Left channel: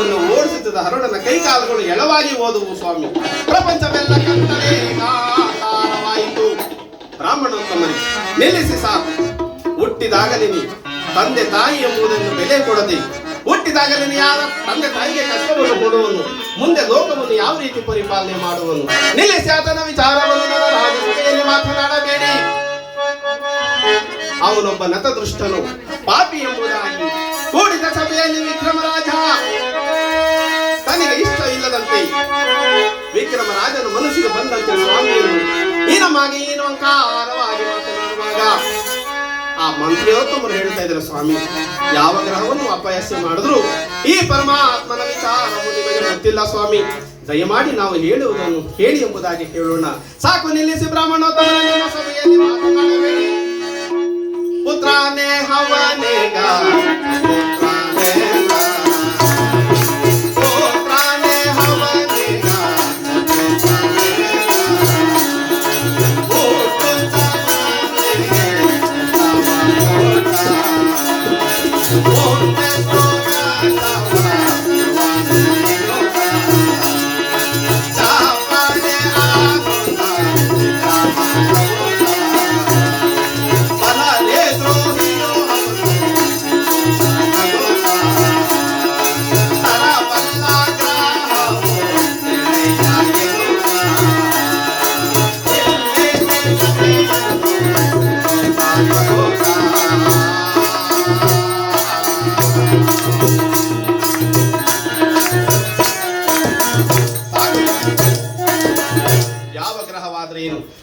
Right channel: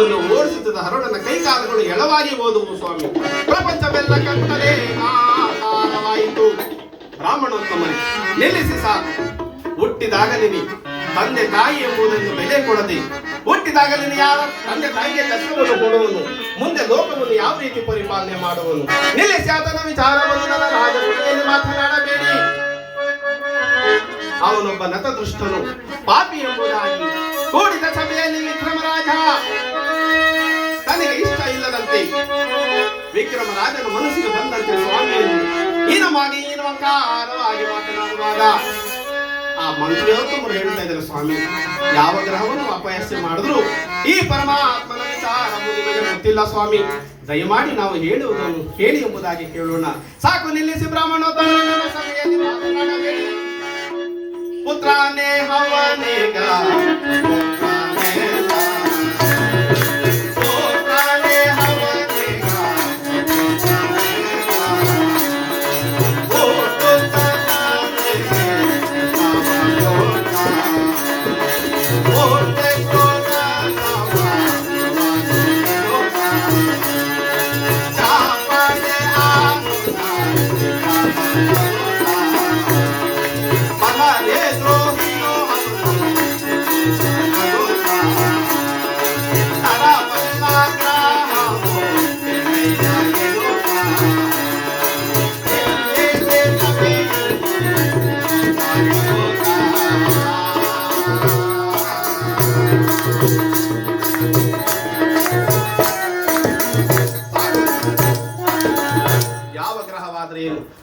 ಬೆಳಕನ್ನು ಓಡಿಸುತ್ತಿದ್ದ ಹರಡನ ಕೈಕಾಲುಗಳು ಎಳವಾಗಿ ಓದುವು ಸ್ವಾಮಿ. ಪ್ರಪಂಚವೆಲ್ಲ ಕತ್ತಲೆ ಆಕಾರವಾಯಿತು. ಬ್ರಾಹ್ಮಣೋತ್ತಮನಿಗೆ ನಿಲ್ಲಿಸಿ ಸಾಕು. ಹುಟ್ಟಿದಾಗಲೇ ತಂದೆ ತಾಯಿ ಎಂಬುದನ್ನು ಬೆಲೆ ಕೊಡದೆ, ಹುಟ್ಟಿದಾಗಲೇ ಯಾರ ತಂದೆ ತಾಯಿಗೆ ಕಷ್ಟವನ್ನು ಕೊಡುವನು, ಮುಂದೆ ಲೋಕವನ್ನು ಯಾವ ರೀತಿ ಪರಿಪಾಲನೆ ಮಾಡುವನು? ನಿಲ್ಲಿಸಿ ಆತನ ವಿಚಾರವನ್ನು ನನ್ನ ರಾಜಕೀಯದಲ್ಲಿ ಮಾತನಾಡಬೇಡಿ. ಅವನೊಬ್ಬ ನತದೃಷ್ಟನು, ಪಾಪಿ ಎಂಬುದಾಗಿ ಕೂಡಿದ ಸಭೆಯಲ್ಲಿ ವಿಕ್ರಮರಾಜ ತನಗೆ ಇಷ್ಟ ಇಲ್ಲದಂತೆ ವಿಕ್ರಮರಾಜನ ಮನಸ್ಸಿಗೆ ಬಂದಂತೆ ಸ್ವಾಮಿಯನ್ನು ಹೀನವಾಗಿ ಹೀನವಂಕಾರವಾಗಿ ಮಾತನಾಡುವಾಗ ಆ ಮಂತ್ರಿಯೋತ್ತಮರು ಹೇಳ್ತಾ ಇದ್ದಾರೆ, ಸ್ವಾಮಿ, ಯಾವ ಗ್ರಹವನ್ನು ಅಪಯಸ್ಸೆ ಮಾಡಿದ್ರು ಈ ಪರಮಾತ್ಮನ ವಿಚಾರವು ನಿಮಗೆ ಗೊತ್ತಿಲ್ಲ ಸ್ವಾಮಿ. ದಯಮಾಡಿ ನಾವು ಹೇಳುವುದನ್ನು ಹೇಳಿ ಎಂಬುದಾಗಿ ಹೇಳೋಣ. ಸಾಕು, ನಿಲ್ಲಿಸಿ. ಬ್ರಾಹ್ಮಣೋತ್ತಮನ ಸಭೆಯಲ್ಲಿ ಮಾತನಾಡಬೇಡಿ. ಪುತ್ರಾನೇ ಹವನೇಗ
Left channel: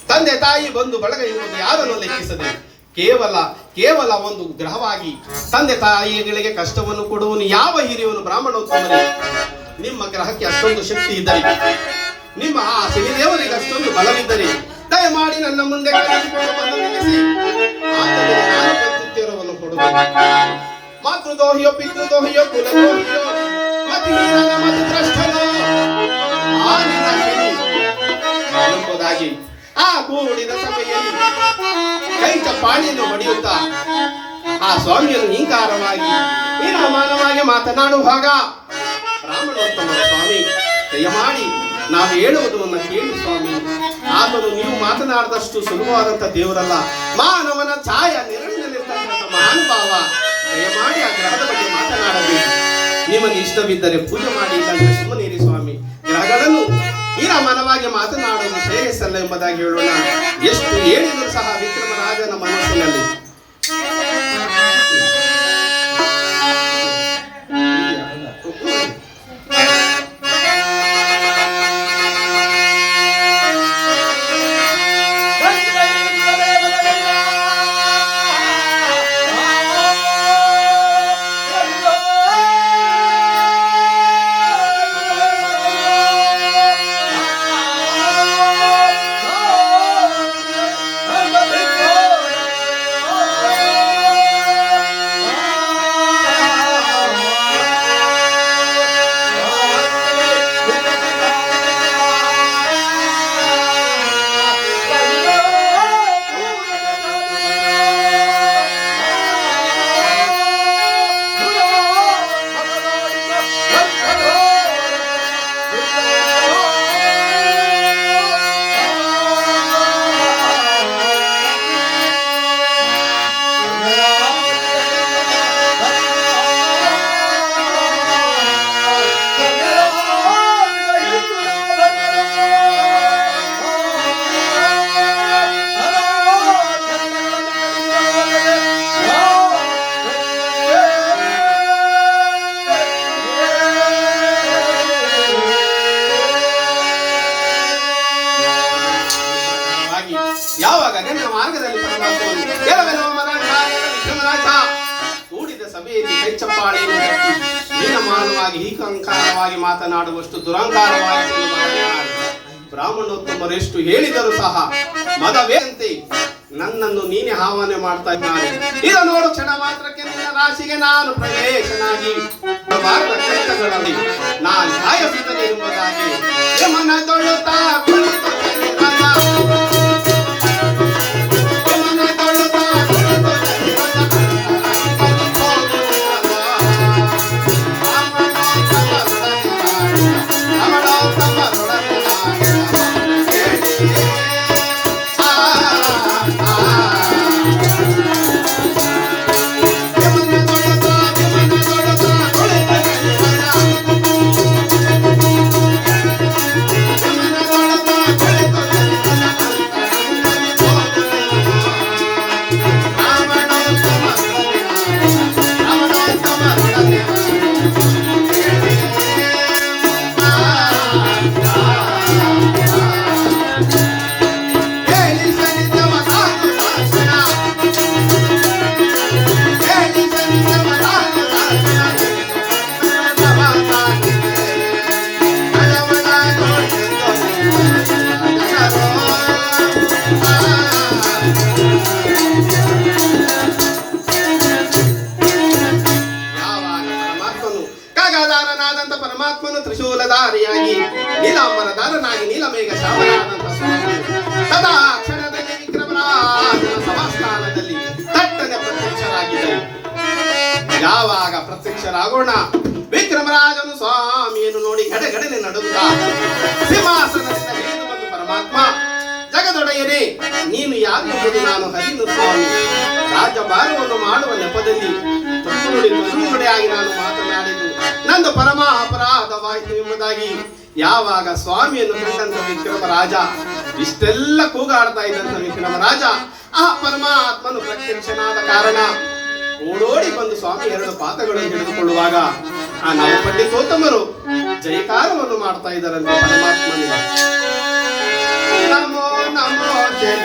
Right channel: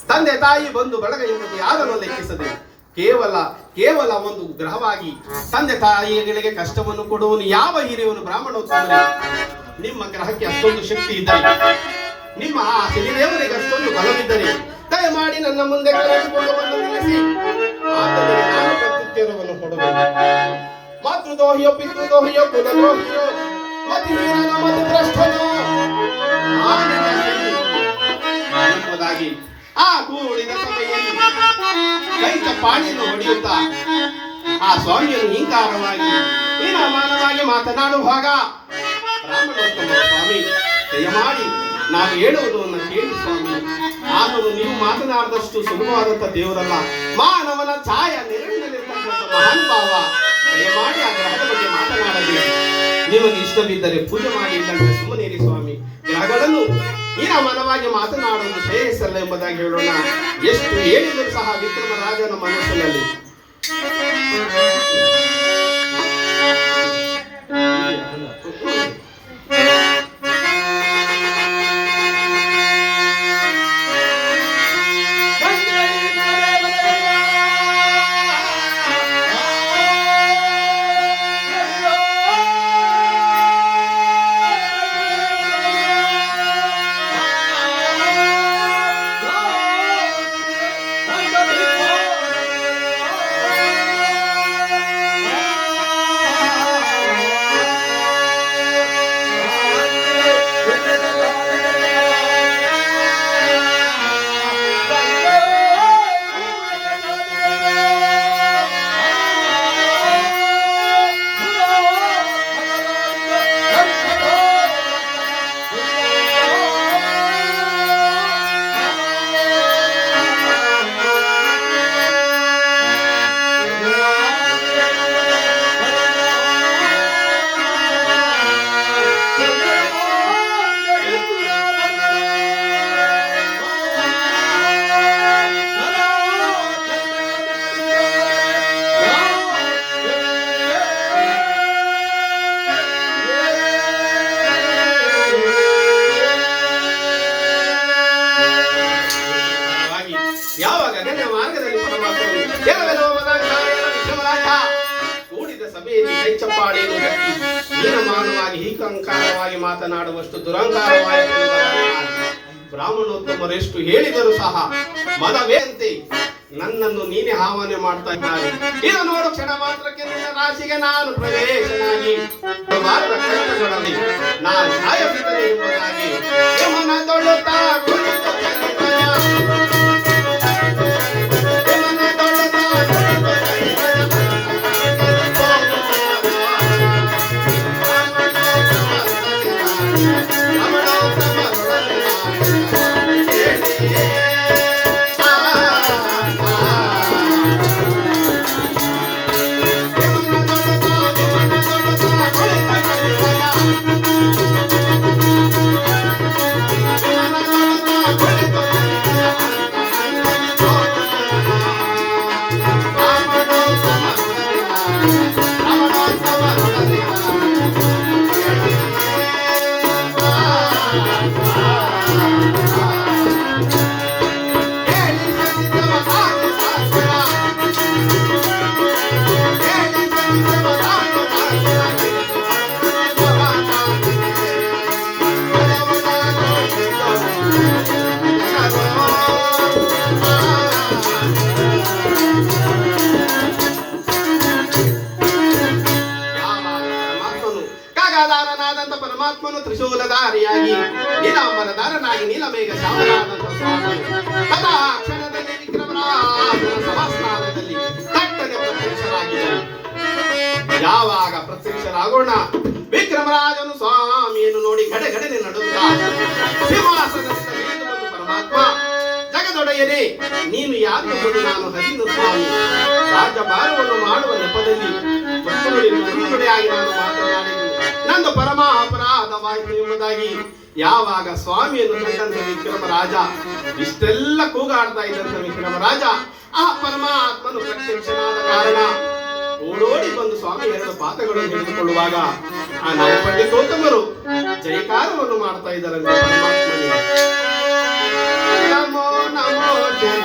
ತಂದೆ ತಾಯಿ ಬಂಧು ಬಳಗ ಎಂಬುದು ಯಾರನ್ನು ಲೆಕ್ಕಿಸದೆ ಕೇವಲ ಒಂದು ಗ್ರಹವಾಗಿ ತಂದೆ ತಾಯಿಗಳಿಗೆ ಕಷ್ಟವನ್ನು ಕೊಡುವನು ಯಾವ ಹಿರಿಯವನು? ಬ್ರಾಹ್ಮಣೋತ್ತಮನೇ, ನಿಮ್ಮ ಗ್ರಹಕ್ಕೆ ಅಷ್ಟೊಂದು ಶಕ್ತಿ ಇದ್ದರೆ, ನಿಮ್ಮ ಆ ಶನಿದೇವರಿಗೆ ಅಷ್ಟೊಂದು ಬಲವಿದ್ದರೆ ದಯಮಾಡಿ ನನ್ನ ಮುಂದೆ ಕರೆದುಕೊಂಡು ಬಂದು ನಿಲ್ಲಿಸಿ. ಆದರೆ ನಾನು ಪ್ರತ್ಯುತ್ತರವನ್ನು ಕೊಡಬೇಕು. ಮಾತೃದೋಹಿಯೋ ಪಿತೃದೋಹಿಯೋ ಕುಲದೋಹಿಯೋ ಮತಿಹೀನನ ಮಧುಭ್ರಷ್ಟನೋ ಆ ನಿನ್ನ ಶನಿ ಎಂಬುದಾಗಿ ಆ ಕೂಡಿದ ಸಭೆಯಲ್ಲಿ ಕೈ ಚಪ್ಪಾಣಿಯನ್ನು ಹೊಡೆಯುತ್ತಾ ಆ ಸ್ವಾಮಿಯನ್ನು ಹಿಂಕಾರವಾಗಿ ಹೀನಮಾನವಾಗಿ ಮಾತನಾಡುವಾಗ ಬ್ರಾಹ್ಮಣೋತ್ತಮ ಸ್ವಾಮಿ, ದಯಮಾಡಿ ನಾವು ಹೇಳುವುದನ್ನು ಕೇಳಿ ಸ್ವಾಮಿ. ಆದರೂ ನೀವು ಮಾತನಾಡಿದಷ್ಟು ಸುಲಭವಾದಂಥ ದೇವರಲ್ಲ, ಮಾನವನ ಛಾಯ ನೆರಳಿನಲ್ಲಿರ್ತಕ್ಕಂಥ ಮಹಾನುಭಾವ. ದಯಮಾಡಿ ಆ ಗ್ರಹದ ಬಗ್ಗೆ ಮಾತನಾಡಬೇಕು. ನಿಮಗೆ ಇಷ್ಟವಿದ್ದರೆ ಪೂಜೆ ಮಾಡಿ, ಇಲ್ಲಂದ್ರೆ ಸುಮ್ಮನಿರಿ ಸ್ವಾಮಿ. ಗ್ರಹಗಳನ್ನು ಹೀನಮಾನವಾಗಿ ಮಾತನಾಡುವುದು ಶ್ರೇಯಸ್ಸಲ್ಲ ಎಂಬುದಾಗಿ ಹೇಳೋಣ. ಎಷ್ಟು ಹೇಳಿದರೂ ಸಹ ವಿಕ್ರಮರಾಜನ ಮನಸ್ಸಿನಲ್ಲಿ ಮಾರ್ಗದಲ್ಲಿ ಕೂಡಿದ ಸಭೆಯಲ್ಲಿ ಕೈಚಪ್ಪಾಳಿಯನ್ನು ತಟ್ಟಿ ಹೀನಮಾನವಾಗಿ ಹೀಕಂಕಾರವಾಗಿ ಮಾತನಾಡುವಷ್ಟು ದುರಂಕಾರವಾಗಿ ಬ್ರಾಹ್ಮಣೋತ್ತಮರೆಷ್ಟು ಹೇಳಿದರೂ ಸಹ ಮದವೇ ಅಂತೆ ನನ್ನನ್ನು ನೀನೇ ಆಹ್ವಾನ ಮಾಡ್ತಾ ಇದ್ದಾರೆ. ಇದು ನೋಡು, ಕ್ಷಣ ಮಾತ್ರಕ್ಕೆ ನಿನ್ನ ರಾಶಿಗೆ ನಾನು ಪ್ರವೇಶನಾಗಿ ನಾನು ಕಾಯಬಿದ್ದರೆ ಎಂಬುದಾಗಿ ಯಮನ ತೊಳುತ್ತಾ ಆದಂತ ಪರಮಾತ್ಮನು ತ್ರಿಶೂಲಧಾರಿಯಾಗಿ ನೀಲಾಂಬರಧಾರನಾಗಿ ನೀಲಮೇಘ ಶಾವನಾದಂತ ಸ್ವಾಮಿ ತದಾ ಕ್ಷಣದಲ್ಲಿ ವಿಕ್ರಮರಾಜನ ಸಭಾಸ್ಥಾನದಲ್ಲಿ ತಟ್ಟನೆ ಪ್ರತ್ಯಕ್ಷರಾಗಿದ್ದರು. ಯಾವಾಗ ಪ್ರತ್ಯಕ್ಷರಾಗೋಣ, ವಿಕ್ರಮರಾಜನು ಸ್ವಾಮಿಯನ್ನು ನೋಡಿ ಗಡಗಡನೆ ನಡುತ್ತಾ ಸಿಂಹಾಸನದಿಂದ ಇಳಿದು ಬಂದು ಪರಮಾತ್ಮ, ಜಗದೊಡೆಯನೇ, ನೀನು ಯಾರು ಎಂಬುದು ನಾನು ಹರಿನು ಸ್ವಾಮಿ. ರಾಜ್ಯಭಾರವನ್ನು ಮಾಡುವ ನೆಪದಲ್ಲಿ ತುಪ್ಪುನುಡಿಯಾಗಿ ನಾನು ಮಾತನಾಡಿದ್ದು ನಂದು ಪರಮ ಅಪರಾಧವಾಯಿತು ಎಂಬುದಾಗಿ ಯಾವಾಗ ಸ್ವಾಮಿಯನ್ನು ಕಂಡಂತ ವಿಕ್ರಮರಾಜ, ಇಷ್ಟೆಲ್ಲ ಕೂಗಾಡ್ತಾ ಇದ್ದಂತ ವಿಕ್ರಮರಾಜ ಆ ಪರಮಾತ್ಮನು ಪ್ರತ್ಯಕ್ಷನಾದ ಕಾರಣ ಓಡೋಡಿ ಬಂದು ಸ್ವಾಮಿ ಎರಡು ಪಾದಗಳನ್ನು ಹಿಡಿದುಕೊಳ್ಳುವಾಗ ಆ ನವಪಂಡಿತೋತ್ತಮರು ಜಯಕಾರವನ್ನು ಮಾಡ್ತಾ ಇದ್ದಾರಂತೆ ಪರಮಾತ್ಮನಿಗೆ. ನಮೋ ನಮೋ ಜಯ